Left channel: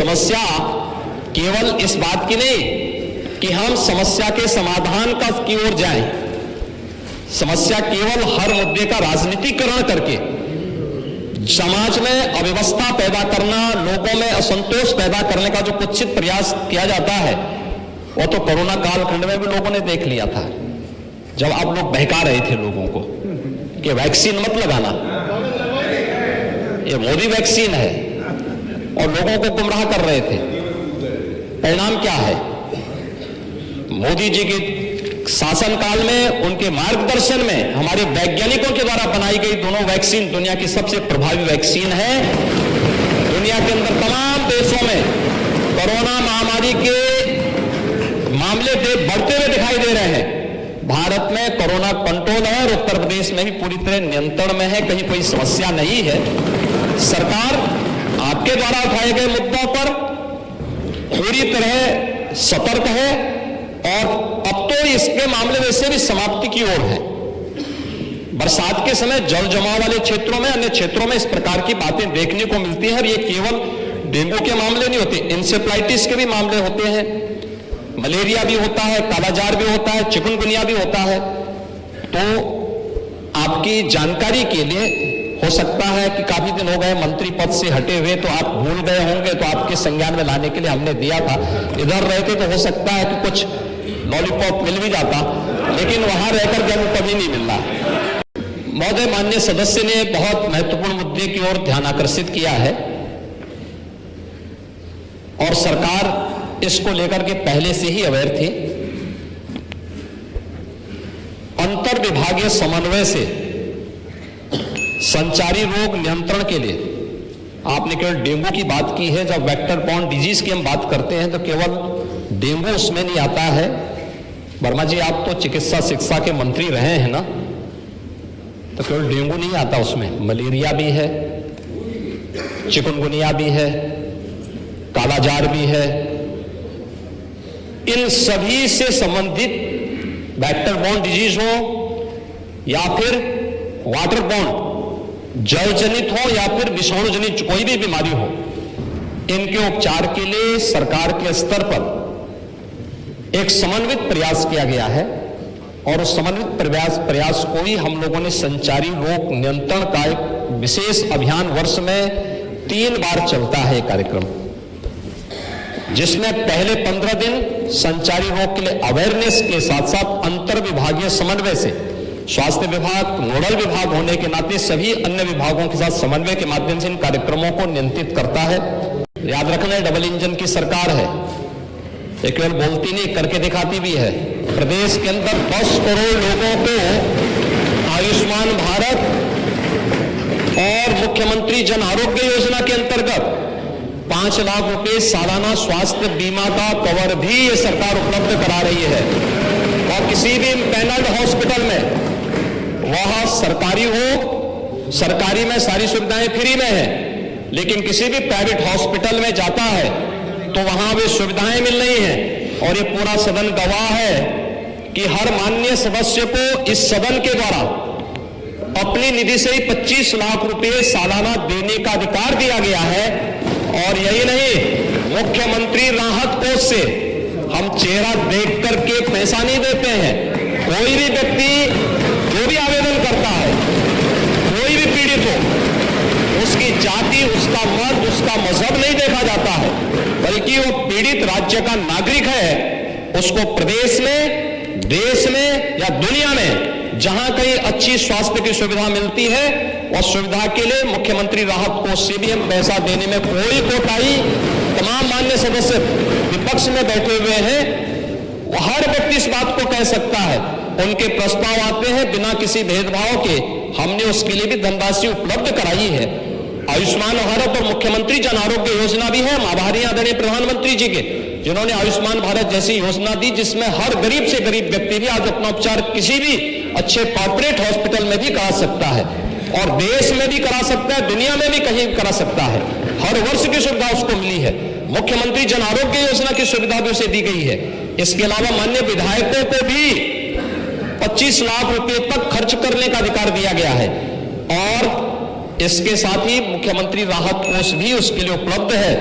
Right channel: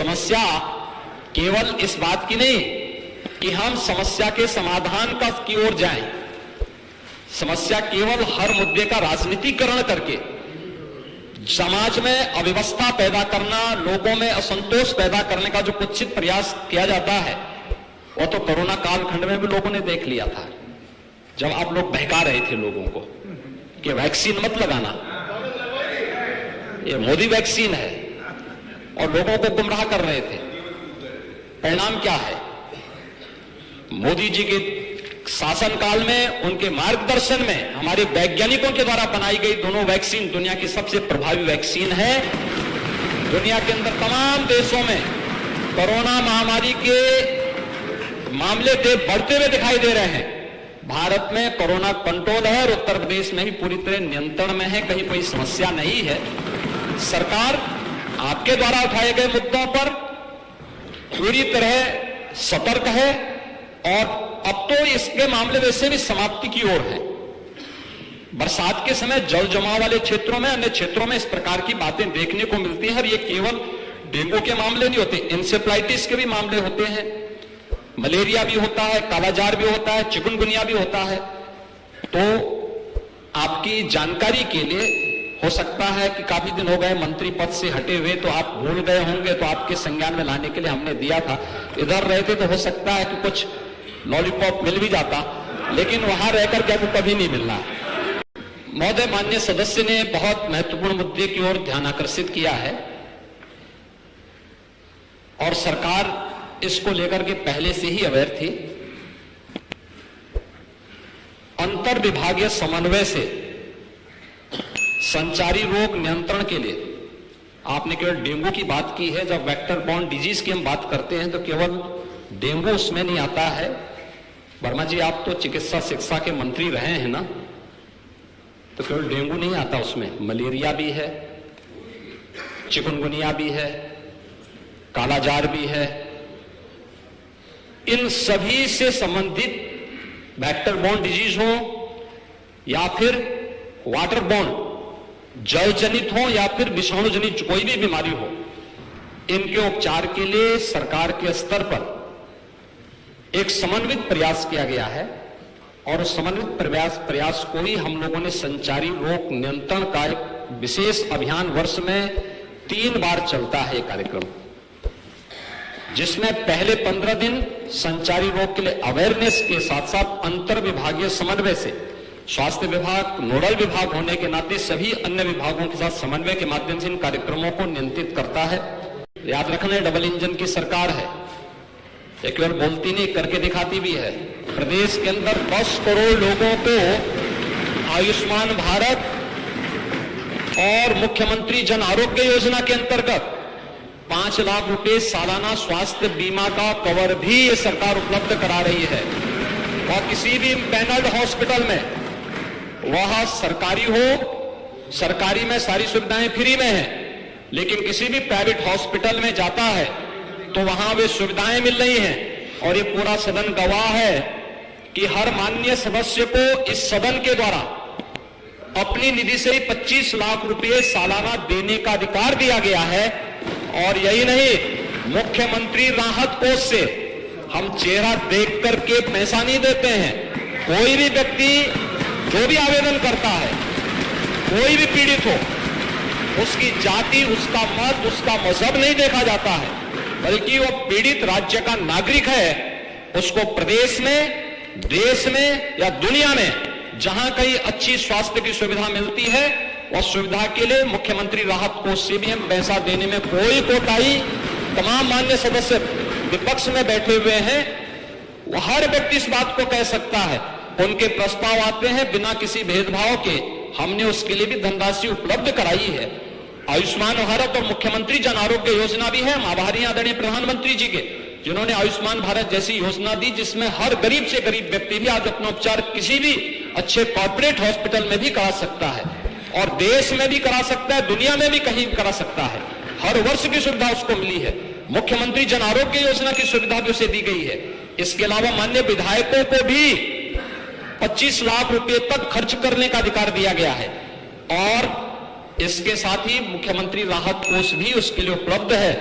समस्या केवल इस बात की नहीं कि हम समस्या के समाधान की ओर जाएं। समस्या केवल हर मुद्दे का राजनीतिकरण करके समाज में अव्यवस्था पैदा करना, लोगों में असंतोष पैदा करने का जो कुत्सित प्रयास किया जाता है, वो तो कोरोना कालखंड में भी लोगों ने देख लिया था, जब आप लोग बहका रहे थे लोगों को कि वैक्सीन मत लगाना, ये मोदी वैक्सीन है, और लोगों को गुमराह कर रहे थे। परिणाम क्या है? मोदी जी के शासनकाल में, उनके मार्गदर्शन में हमारे वैज्ञानिकों के द्वारा बनाई गई दोनों वैक्सीन दुनिया की सबसे प्रभावी वैक्सीन है। दुनिया के अंदर तमाम देशों में कोरोना महामारी के मामले बढ़ते हुए दिखाई दे रहे हैं। भारत में कोरोना कंट्रोल है और उत्तर प्रदेश में भी पूरी तरह नियंत्रण में है, कहीं कोई समस्या नहीं है। सरकार आपके द्वारा उठाए गए मुद्दों पर पूरी तरह सतर्क है और अब तो इसके मामले वैसे भी समाप्ति की ओर है। बरसात के समय जल जमाव वाले क्षेत्रों में, अन्य क्षेत्रों में इस प्रकार की बातें देखने को मिलती हैं, और ये केवल डेंगू के मामले नहीं होते, इंसेफ्लाइटिस के भी मामले होते हैं, मलेरिया भी होता है, कालाजार भी होता है, चिकनगुनिया भी होता है। तो आपकी जानकारी के लिए, हो सकता है कि काफी दिन हो गए मंत्री पद से हटे हुए, तो आप भूल गए होंगे, तो आपके संज्ञान में लाने के लिए हमने दिया था। इधर रहते तो हो सकता है कि कुछ लॉलीपॉप मिल भी जाता, लेकिन वहां रहकर के हमको कभी नहीं मिलना। महोदय, माननीय सदस्य ने बहुत महत्वपूर्ण मुद्दे की ओर ध्यान आकर्षित किया है, और सरकार इसको लेकर के पहले से ही अवेयर थी। अंतर विभागीय समन्वय से संचारी रोग नियंत्रण के लिए, आपने केवल डेंगू की बात की है, जब वेक्टर बॉर्न डिजीज की हम बात करते हैं तो केवल डेंगू उसमें नहीं आता है। वर्मा जी, आप तो चिकित्सा शिक्षा के मंत्री रहे हैं ना, तो केवल डेंगू नहीं आता उसमें, मलेरिया भी है, चिकनगुनिया भी है, कालाजार भी है। इन सभी से संबंधित वेक्टर बॉर्न डिजीज हो या फिर वाटर बॉर्न, जल जनित हो या फिर विषाणु जनित कोई भी बीमारी हो, इनके उपचार के लिए सरकार के स्तर पर एक समन्वित प्रयास किया गया है, और उस समन्वित प्रयास को ही हम लोगों ने संचारी रोग नियंत्रण का एक विशेष अभियान, वर्ष में 3 बार चलता है कार्यक्रम, जिसमें पहले 15 दिन संचारी रोग के लिए अवेयरनेस के साथ साथ अंतर विभागीय समन्वय से स्वास्थ्य विभाग नोडल विभाग होने के नाते सभी अन्य विभागों के साथ समन्वय के माध्यम से इन कार्यक्रमों को नियंत्रित करता है। याद रखना, डबल इंजन की सरकार है, ये केवल बोलती नहीं, करके दिखाती भी है। प्रदेश के अंदर 10 करोड़ लोगों को आयुष्मान भारत और मुख्यमंत्री जन आरोग्य योजना के अंतर्गत 5 लाख रुपए सालाना स्वास्थ्य बीमा का कवर भी ये सरकार उपलब्ध करा रही है। और किसी भी पैनल्ड हॉस्पिटल में, वह सरकारी हो, सरकारी में सारी सुविधाएं फ्री में है, लेकिन किसी भी प्राइवेट हॉस्पिटल में जाता है तो वहां वे सुविधाएं मिल रही हैं। और ये पूरा सदन गवाह है कि हर माननीय सदस्य को इस सदन के द्वारा अपनी निधि से ही 25 लाख रुपए सालाना देने का अधिकार दिया गया है। और यही नहीं, मुख्यमंत्री राहत कोष से हम चेहरा देख करके पैसा नहीं देते हैं। कोई भी व्यक्ति जो भी आवेदन करता है, कोई भी पीड़ित हो, उसकी जाति, उसका मत, उसका मजहब नहीं देखा जाता है, बल्कि वो पीड़ित राज्य का नागरिक है। उसको प्रदेश में, देश में या दुनिया में जहां कहीं अच्छी स्वास्थ्य की सुविधा मिलती है, उस सुविधा के लिए मुख्यमंत्री राहत कोष से भी हम पैसा देने में कोई कोताही, तमाम मान्य सदस्य विपक्ष में बैठे हुए हैं, हर व्यक्ति इस बात को कह सकता है। उनके प्रस्ताव आते हैं बिना किसी भेदभाव के, हमने उसके लिए भी धनराशि उपलब्ध कराई है। आयुष्मान भारत और मुख्यमंत्री जन आरोग्य योजना भी है। हम आभारी आदरणीय प्रधानमंत्री जी के, जिन्होंने आयुष्मान भारत जैसी योजना दी, जिसमें हर गरीब से गरीब व्यक्ति भी आज अपना उपचार किसी भी अच्छे कॉर्पोरेट हॉस्पिटल में भी करा सकता है, और देश में भी करा सकता है, दुनिया में भी कहीं करा सकता है। हर वर्ष की सुविधा उसको मिली है। मुख्यमंत्री जन आरोग्य योजना की सुविधा भी उसे दी गई है। इसके अलावा माननीय विधायकों को भी 25 लाख रुपए तक खर्च करने का अधिकार दिया गया है, और इसके साथ ही मुख्यमंत्री राहत कोष भी उसके लिए उपलब्ध है।